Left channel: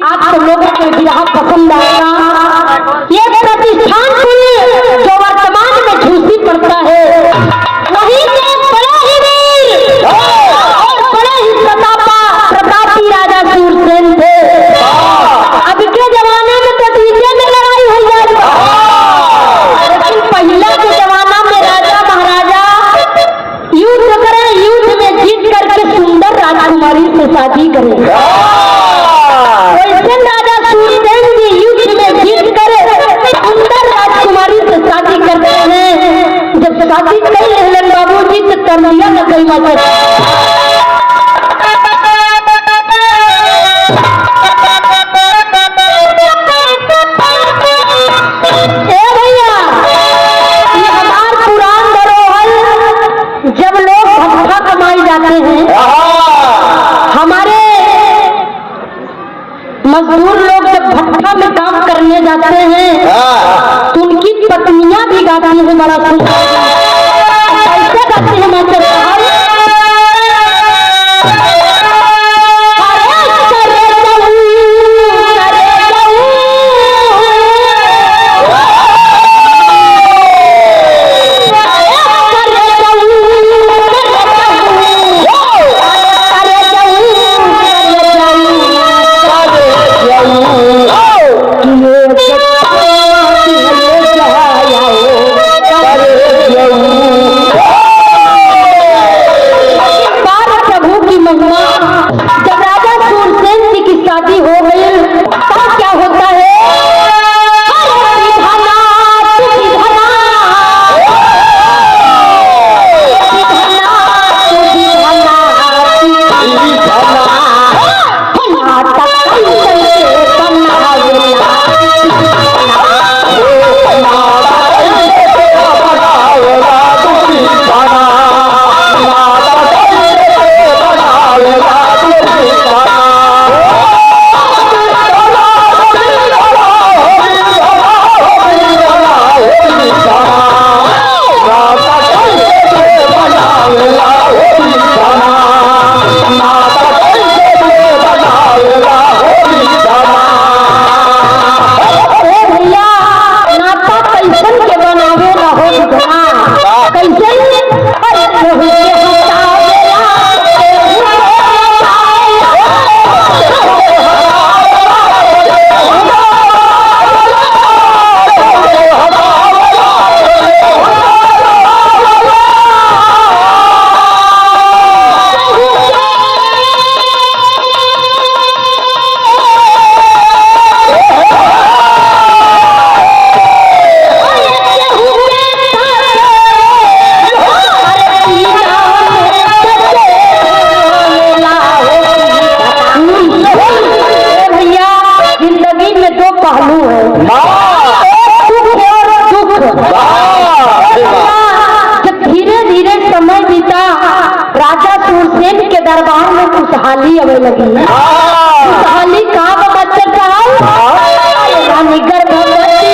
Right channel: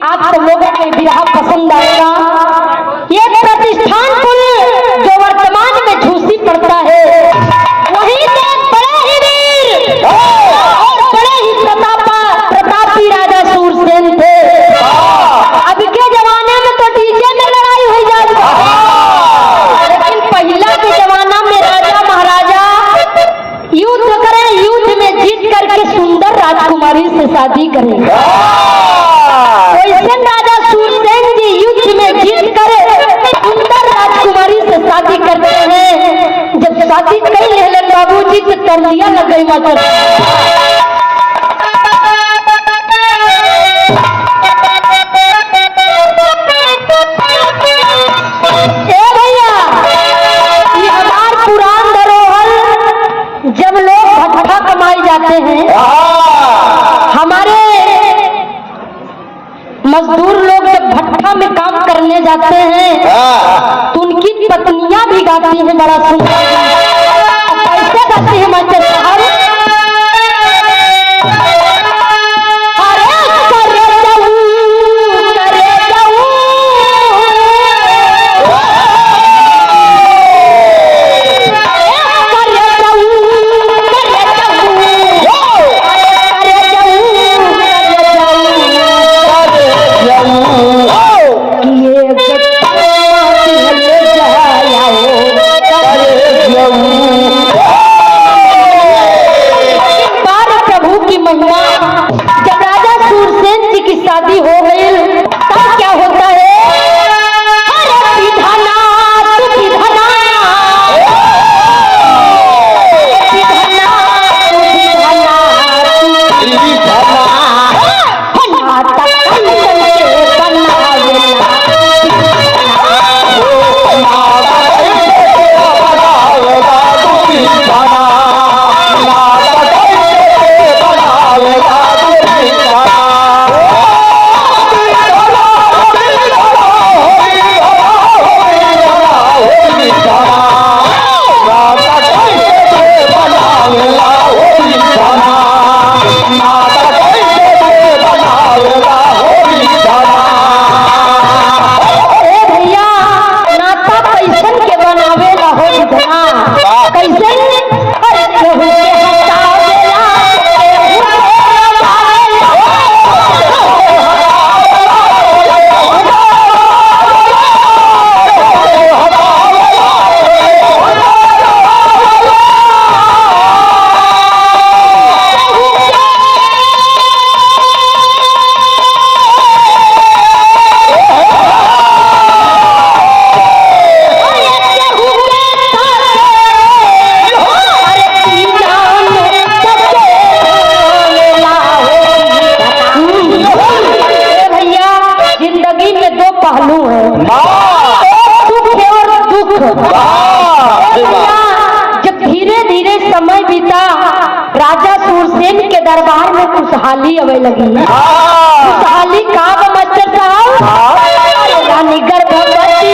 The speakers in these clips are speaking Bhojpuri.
आप सब लोगों को विवाह पसंद आएगा। ये प्रतिष्ठान कुल जो वर्तमान में झूसी पड़ता है, वहीं से बड़ा ही वीर और बड़ा ही प्रतापी राजा सूरसेन थे। अब के जमाने में तो डीजे में लड़ाई हो जाती है, लेकिन पहले के जमाना में राजा महाराजा युद्ध करें, युद्ध में जीत करके सुंदर राजकुमारी से शादी करें। राजा सूरसेन जी युद्ध में जीत कर सुंदर राजकुमारी से शादी करते हैं। जब शादी कर ले बाबूजी से तलिया न करी भैया, ये हमार पुरान धरोहर जब लोग भट्ठा कमाई जाते हैं, हमारे मजदूर लोग जब भट्ठा में काम करने जाते हैं तो उनकी पत्नियां भी गाती हैं बड़ा सुंदर। कैसे गाती है मास्टर साहब? जब धीरे धीरे समय बीता, राजा सूरसेन के दरबार में खुशहाली आने लगी। खुशहाली कहाँ मास्टर साहब? रानी गर्भवती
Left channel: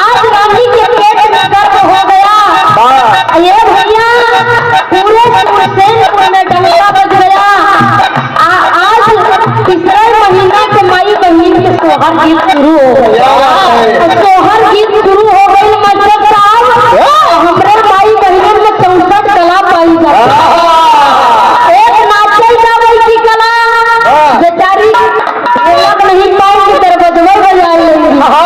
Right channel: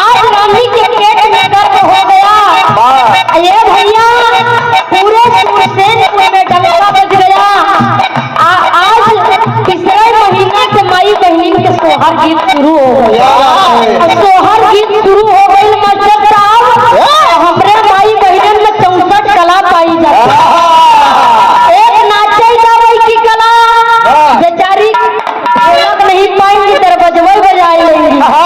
आज रानी के पेट में दर्द हो गया। ये भैया पूरे सूरसेन में डंका बज गया। आज तीसरा महीना से माई बहन के सोहर गीत शुरू हो गया। सोहर गीत शुरू हो गई मास्टर साहब। हमारे माई बहन में 64 कला पाई जाती है। एक नाचे जाने की कला बेचारी नहीं पाएंगी, दरबजवर बजा लेंगी।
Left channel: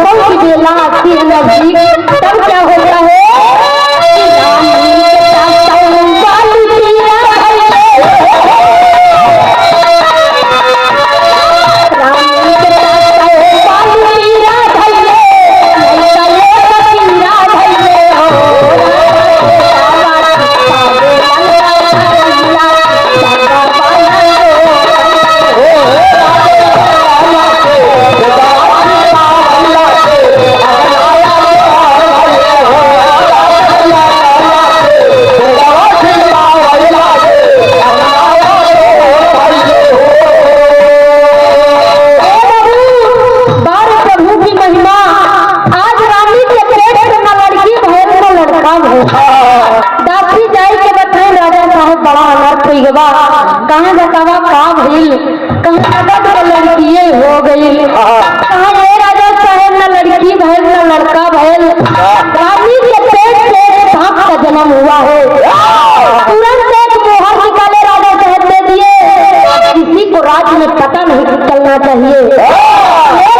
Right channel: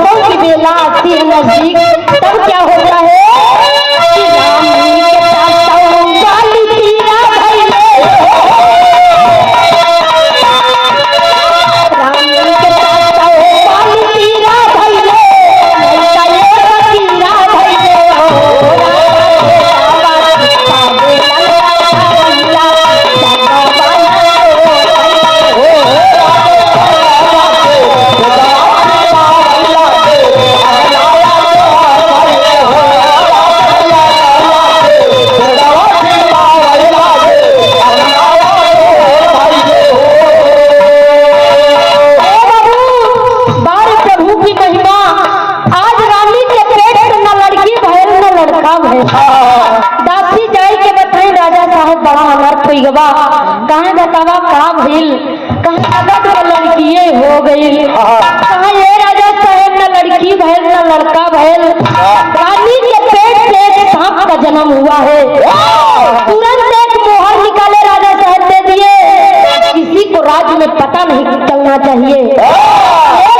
लड़कों की बेला आती है नजदीक, तब क्या होता है कि रानी के साथ वाली पीरा भइले, रानी के साथ वाली पीरा भइले, लड़का एक पीरा भइले दासी जाई के बताई राजा साहब बड़ा अनर्थ हुई गवा, कहाँ बतावा का भइल, कहाँ नगद को लड़किए हो गई, कहाँ ये राजा साहब न लड़की भइल न लड़का भइल, रानी के पेट से एक सांप का जन्म हुआ है। तुरंत एक मोहर निकाले राजा साहब दे दिए, किसी को राज में पता नहीं चलना चाहिए।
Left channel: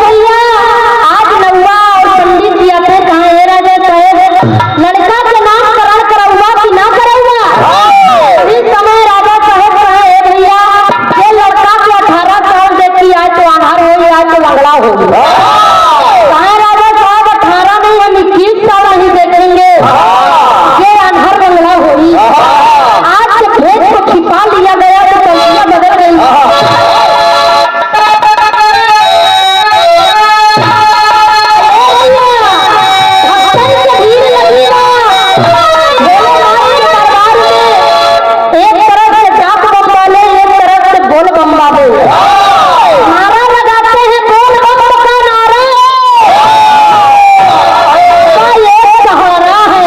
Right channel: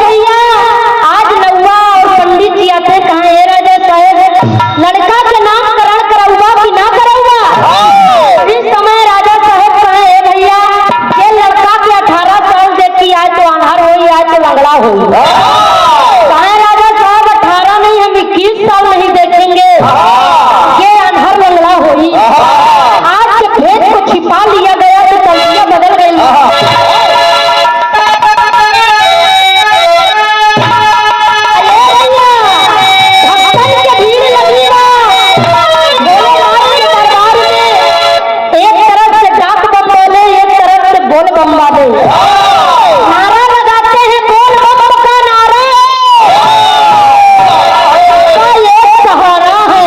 भैया आज नौवा और पंडित जी आते, कहाँ है राजा साहब लड़का के नाम करण करौवा कि ना करौवा। इस समय राजा साहब कहे भैया ये लड़का के 18 साल देखी, आज तो अनहर हो, आज तो लंगड़ा हो। कहे राजा साहब 18 नहीं, हम 21 साल नहीं देखेंगे, ये अनहर लंगड़ा होगी। आज के भेद को छिपा लिया गया तो कल्पना बदल गई। नारा लगाते हैं बोल बम का नारा, एक सहारा है।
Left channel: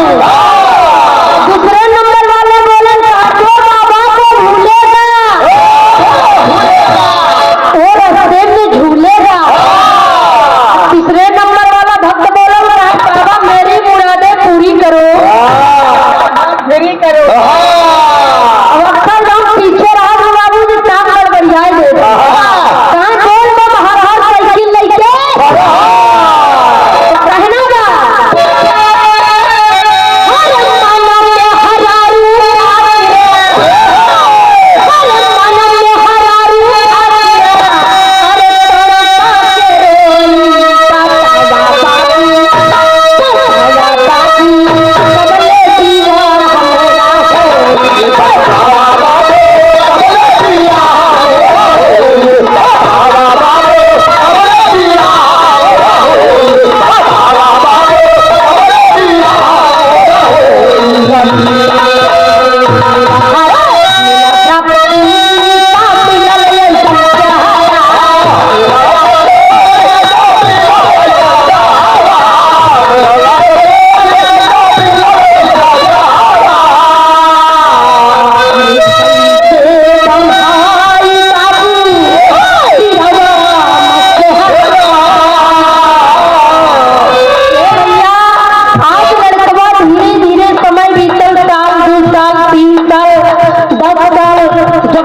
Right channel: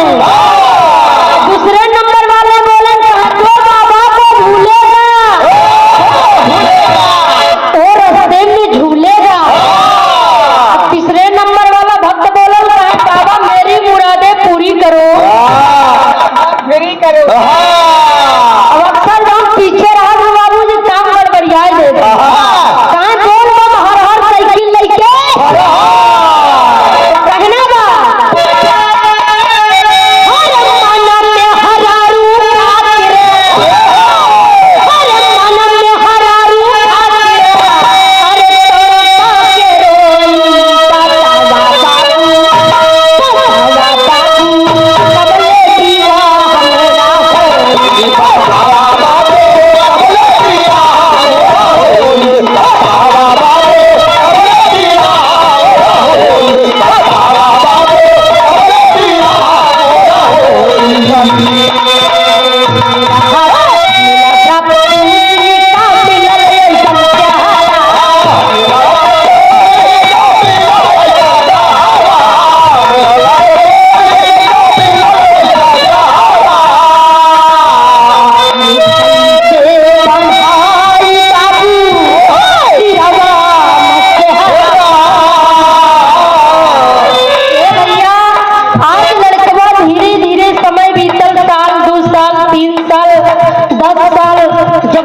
दूसरे नंबर वाले बोले साथियों बाबा को भूलेगा और रास्ते में झूलेगा। तीसरे नंबर वाला भक्त बोला बाबा मेरी मुरादें पूरी करो, पूरी करो। अक्सर लोग पीछे राजू बाबू जी काम गड़बड़िया दे कहाँ जोड़ में हर हर साइकिल लेके कहना बा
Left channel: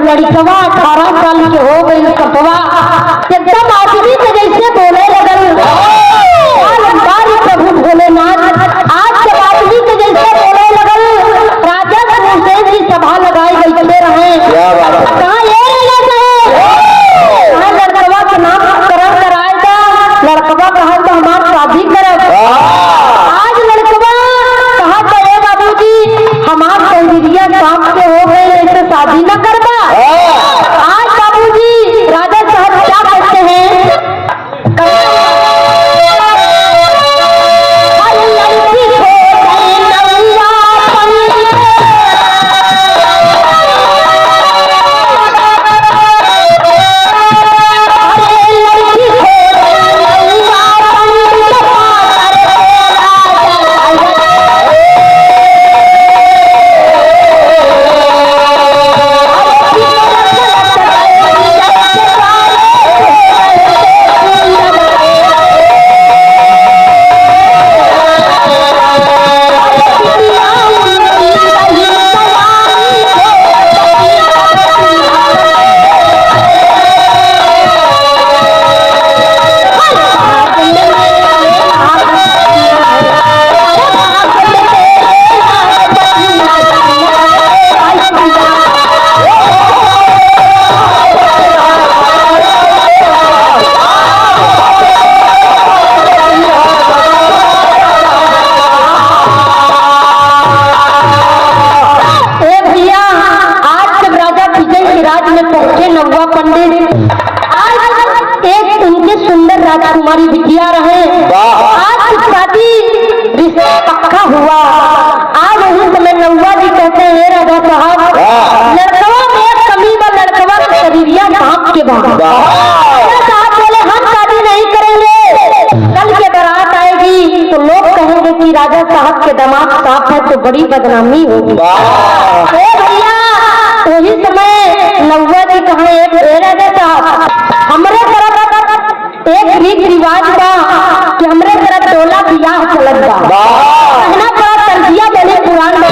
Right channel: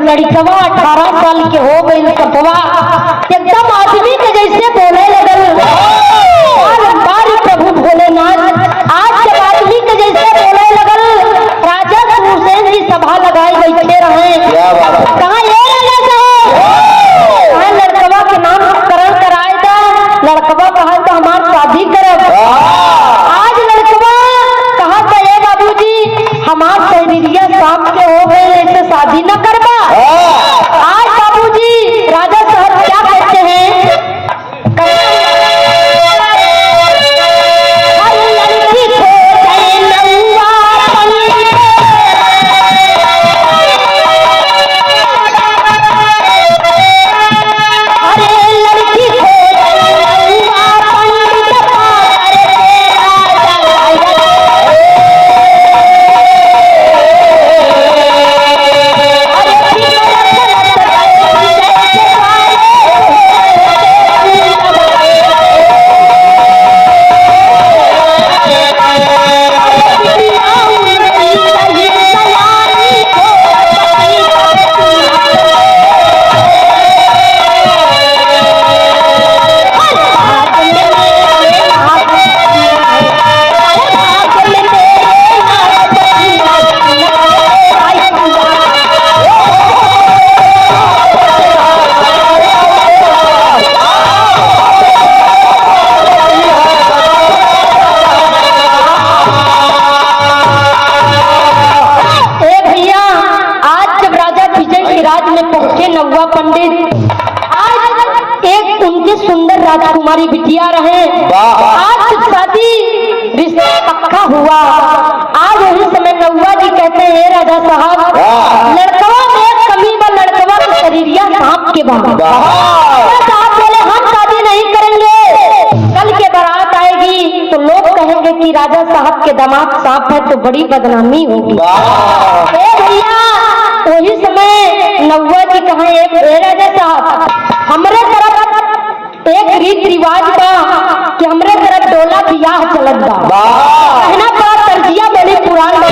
लड़कवा 18 साल के हो गई, कपवा एकदम आदमी के जैसे बोले लगल। प्रभु भोलेनाथ आज के आदमी के जैसे बोले लगल। राजा हुसैन जी सभा लगाए बैठे रहे, कहाँ ये लड़कवा का नाम करण कराएगा। लड़कवा कहा तो हमारी शादी करब। आज लड़कवा कहा तो ये बाबू जी हमार शरीरिया शाम से हो गए, ऐसे शादी न करबा। आज बाबूजी राजा साहब क्या कहते हैं हमारी बिटिया रहे। आज शादी रिश्ता पक्का हुआ। आज उस समय नौवा जी कहते हैं राजा साहब लड़कवा में एक कमी व लड़कवा की शरीरिया सांप के बाद साहब बोले हम शादी नहीं करेंगे। कल के बारात आएगी तो लोग कहेंगे कि राजा साहब के दामाद सांप है तो बड़ी बदनामी होगी। भैया वही समय नौवा जी कहे राजा साहब हमारे तरफ एक रीत रिवाज बा कि हमरे तरफ डोला बियाह चलत बा कहना का तर्जिया बड़ी पुरान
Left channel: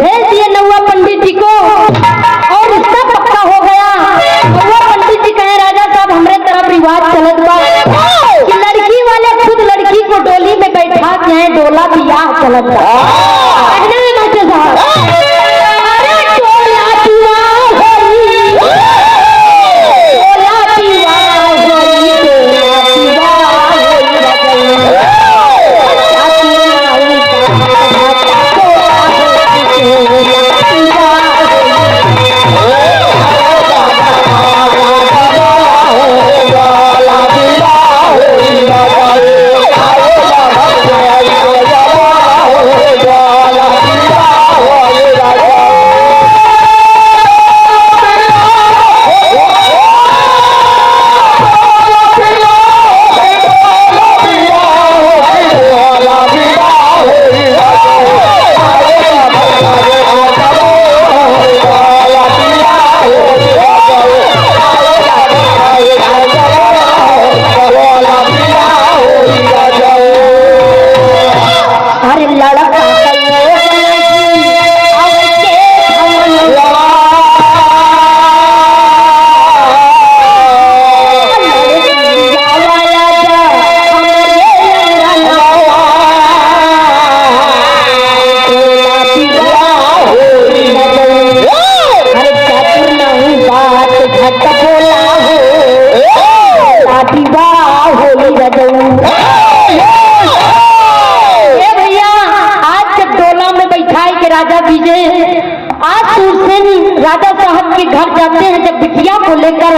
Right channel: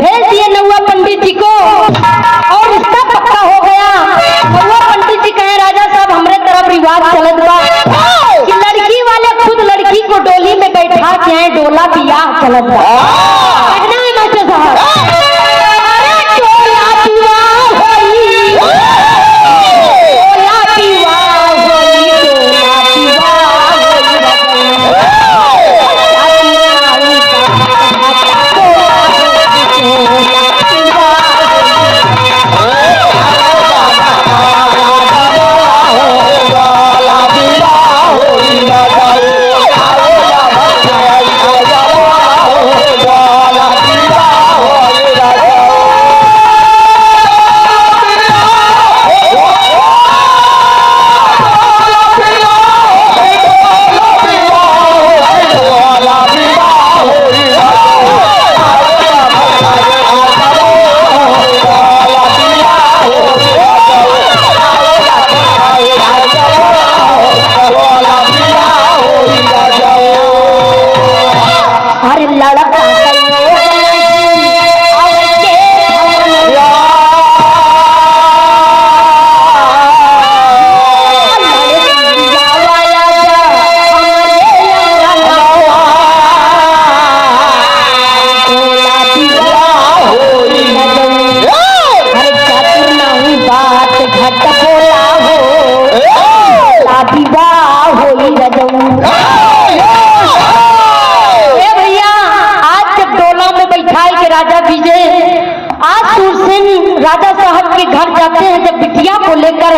भेज दिए नौवा पंडित जी को और रिश्ता पक्का हो गया। नौवा पंडित जी कहे राजा साहब हमरे तरफ रिवाज चलत बा कि लड़की वाले खुद लड़की को डोली में बैठा के डोला बियाह चलत बा। कहना है डॉक्टर साहब भैया आज जब डोला में बैठाए के राजा विजय आज सूरसेन राजा साहब के घर जाते हैं। जब बिटिया को लेकर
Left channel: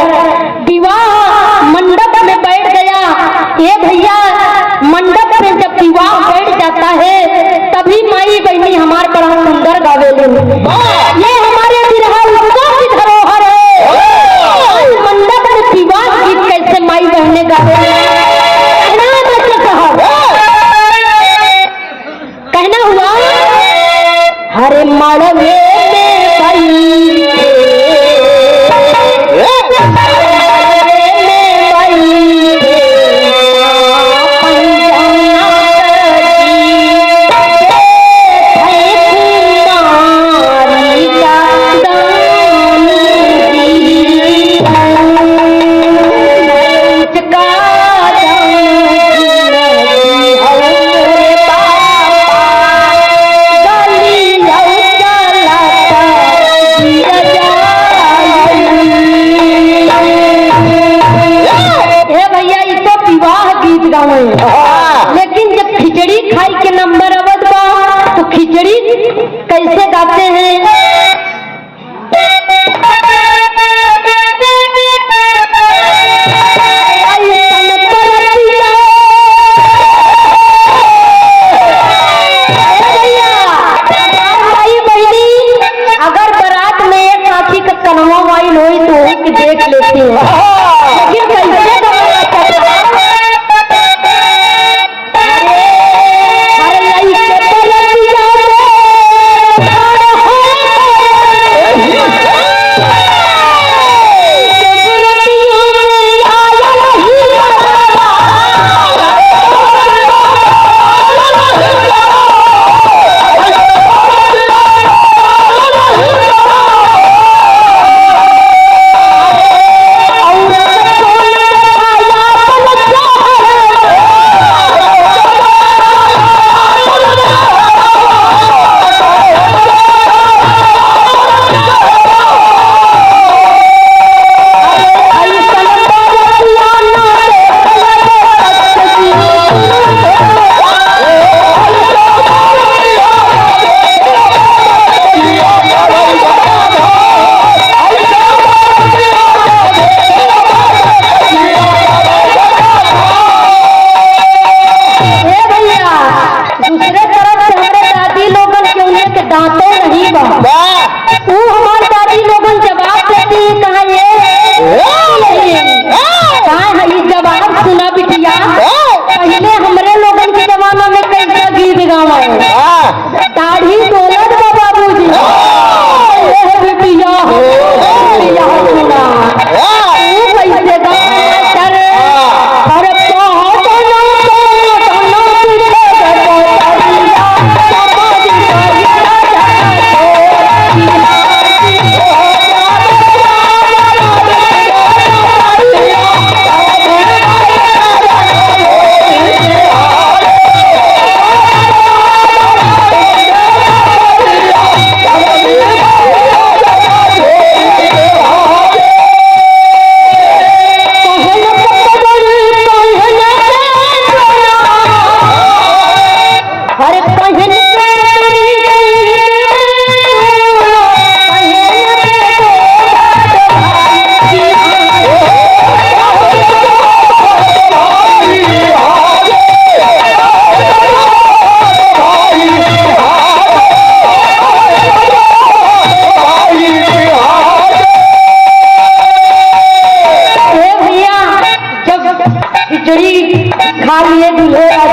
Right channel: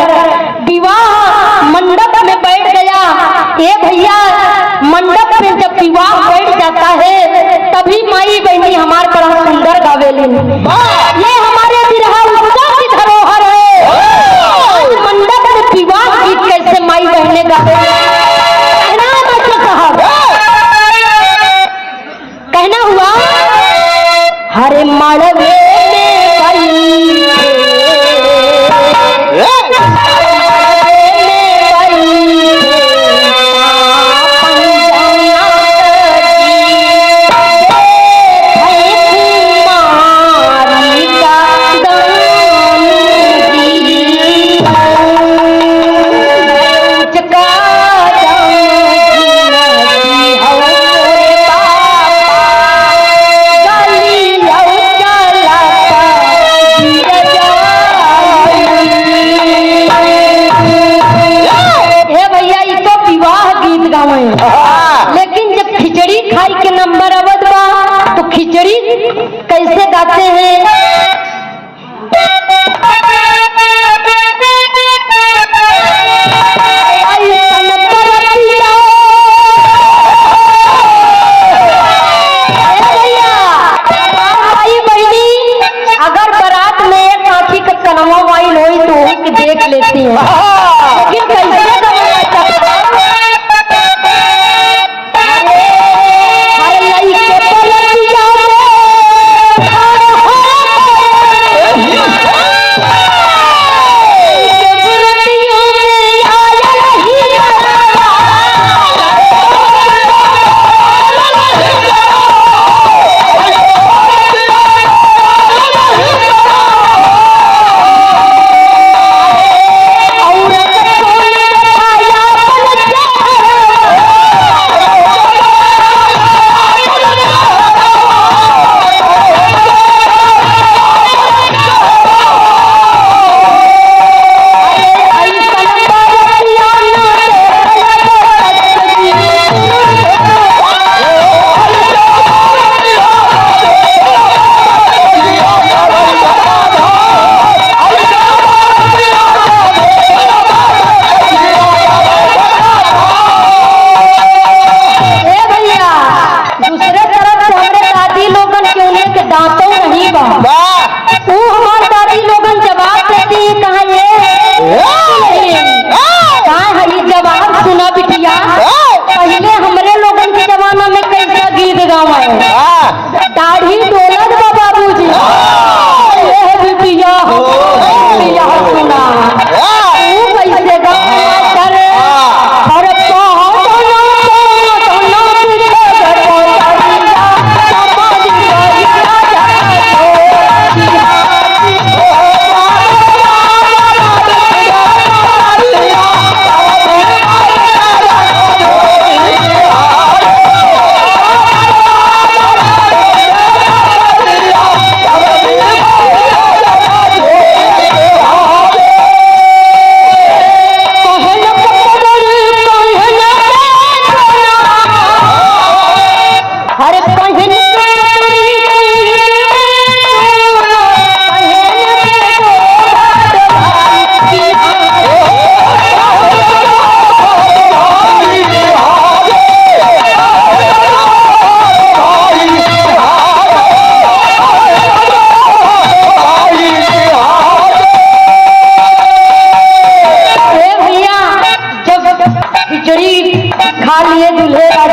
विवाह मंडप में बैठ गया। ये भैया मंडप में जब विवाह बैठ जाता है तभी माई बहनी हमारे बड़ा सुंदर गावेली। ये हमारे बिरहा उत्सव की धरोहर है। मंडप में विवाह गीत कैसे माई बहने गावे कहना हुआ हरे मड़वे में लेकिन जब खिचड़ी खाई के नंबर अवध बा तो खिचड़ी कैसे गाते हैं। देख लेती हूँ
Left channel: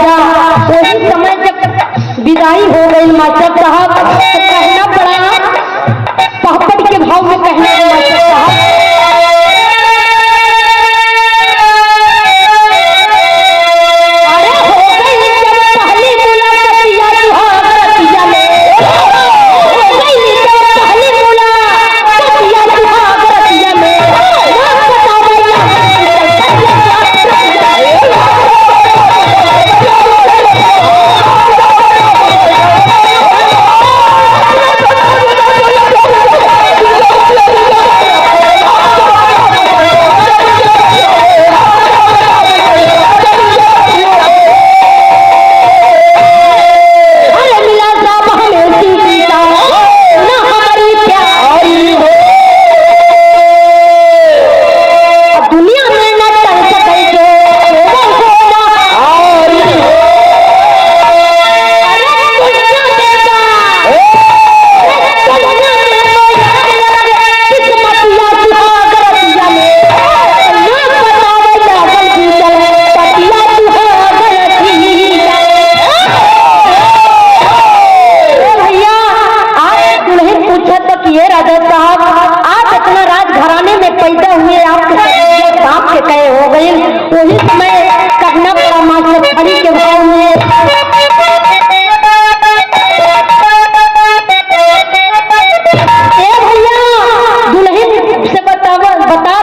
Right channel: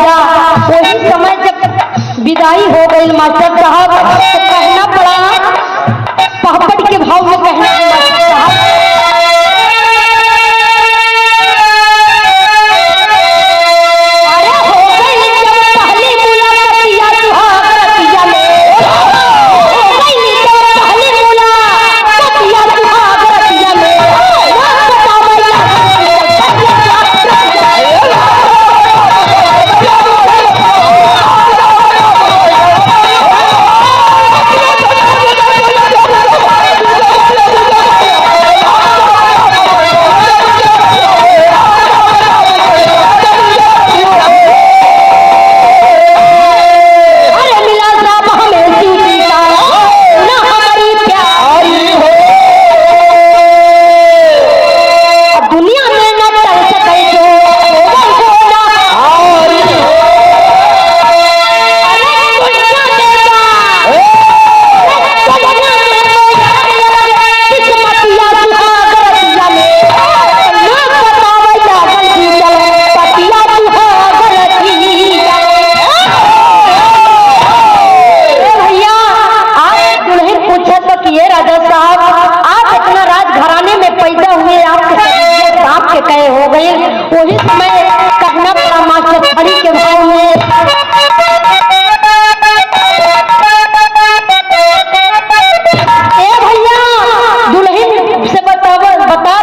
लेकिन कैसे विदाई हो गई मास्टर साहब तो कहना पड़ा पहपट के भाव में कहना अरे हो गई जब पहली मुलाकात सुहागरतिया में हो गई जब पहली मुलाकात सुहागरतिया में ये राजा साहब आप इतना राजघराने में पैदा हुए आपके सांप के कहे हो गए वही समय करना पड़ा मास्टर खड़ी के भाव में भैया दुल्हन से बता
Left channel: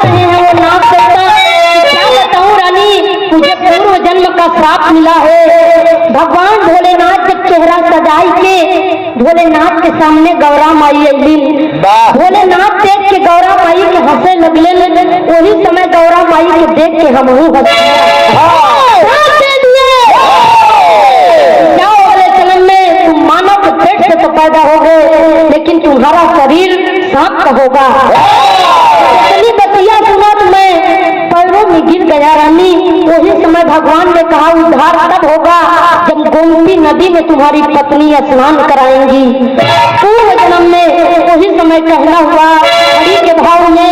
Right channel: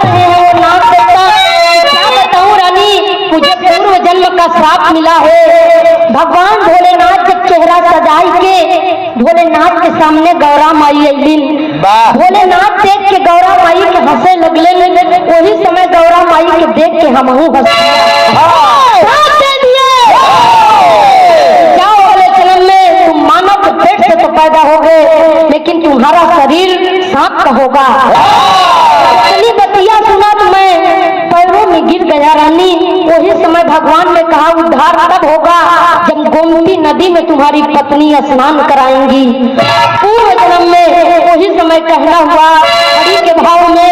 रहे हैं वो नाम देता क्या बताऊं रानी मुझे पूर्व जन्म का श्राप मिला है। भगवान भोलेनाथ जब चेहरा सजाई के भोलेनाथ के सामने गौरा माई अलिन भोलेनाथ देख के गौरा माई के हंसे लगले वही समय गौरा माई के देख के हम क्या अगले जन्म में तुम मानव के पेट से तो पैदा हो गए लेकिन तुम्हारा शरीर सांप का होगा। चली बतिया सुना तो मैं पैरों में में गिर गया रानी। वही समय भगवान ने कहा उद्धार तब होगा जब गोमती नदी में तुम्हारी पत्नी स्नान कराएंगी। पूर्व जन्म में वही समय कहना हुआ के भाव में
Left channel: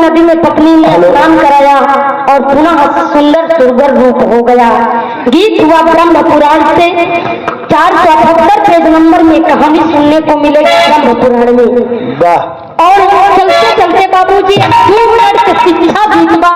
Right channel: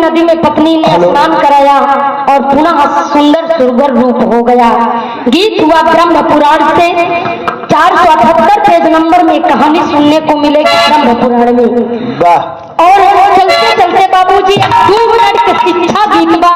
नदी में पत्नी ने स्नान कराया और पुनः सुंदर सुरगर रूप हो गया। गीत हुआ ब्रह्म पुराण से 478 पेज नंबर में कहानी सुनने को मिलेगी ब्रह्म पुराण में। और चलते चलते बाबूजी 2 मिनट की शिक्षा गीत